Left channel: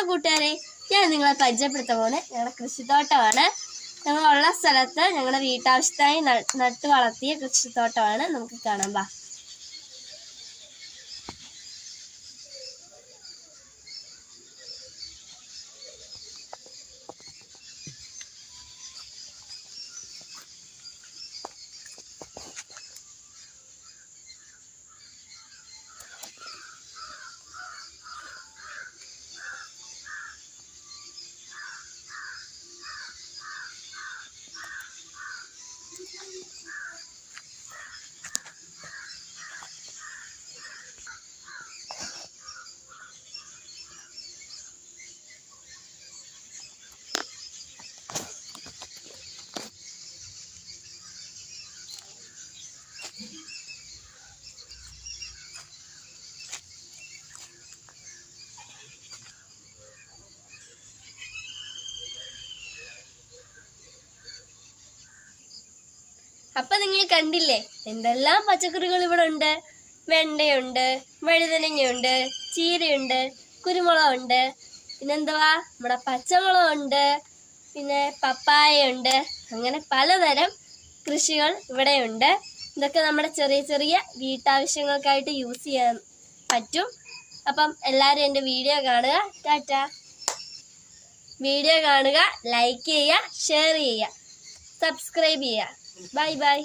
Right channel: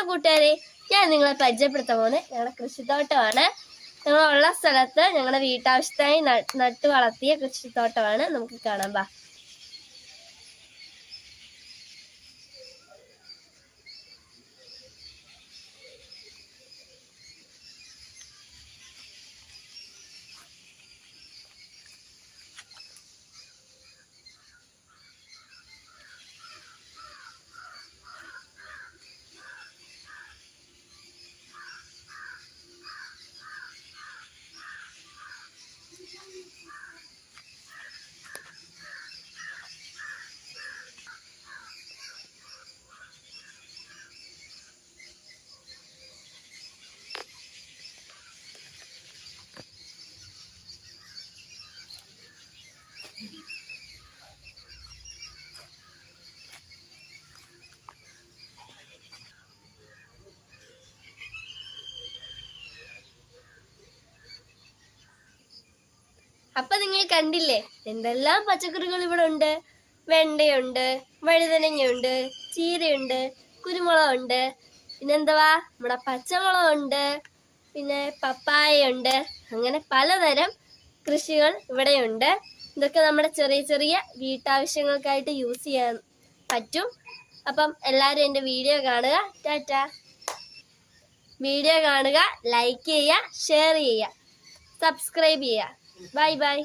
Hello കൂട്ടുകാരെ ഞാൻ നിങ്ങളെ പരിചയപ്പെടുത്താൻ പോകുന്നത് ഞങ്ങളുടെ കൃഷിത്തോട്ടമാണ്. ഞങ്ങളുള്ള സ്ഥലത്ത് ഞങ്ങളുടെ വീട്ടാവശ്യത്തിനായി നട്ടു വളർത്തിയ കൃഷിത്തോട്ടമാണ് നമുക്ക് കാണാം അപ്പൊ നിങ്ങൾ കണ്ടില്ലേ? എന്തെല്ലാം പച്ചക്കറികൾ ഇവിടെ ഉണ്ട്? വെണ്ടയുണ്ട് വഴുതനങ്ങയുണ്ട് ചീരയുണ്ട് കുരുമുളകുണ്ട് പിന്നെന്തുവാ? നമ്മുടെ പച്ചമുളകുണ്ട് പിന്നെ പപ്പായയുണ്ട് അങ്ങനെ പലതരം കൃഷികൾ ഇവിടെയുണ്ട്. ഇതൊക്കെ നമ്മുടെ ചെറിയ ചെറിയ വീട്ടാവശ്യങ്ങൾക്കായിട്ട് യൂസ് ചെയ്യാൻ പറ്റും. അപ്പം എല്ലാവരും എന്റെ വീഡിയോ കാണുക. ടാറ്റ. വീഡിയോ കാണുക ലൈക്ക് ചെയ്യുക ഷെയർ ചെയ്യുക സബ്സ്ക്രൈബ് ചെയ്യുക. Bye bye.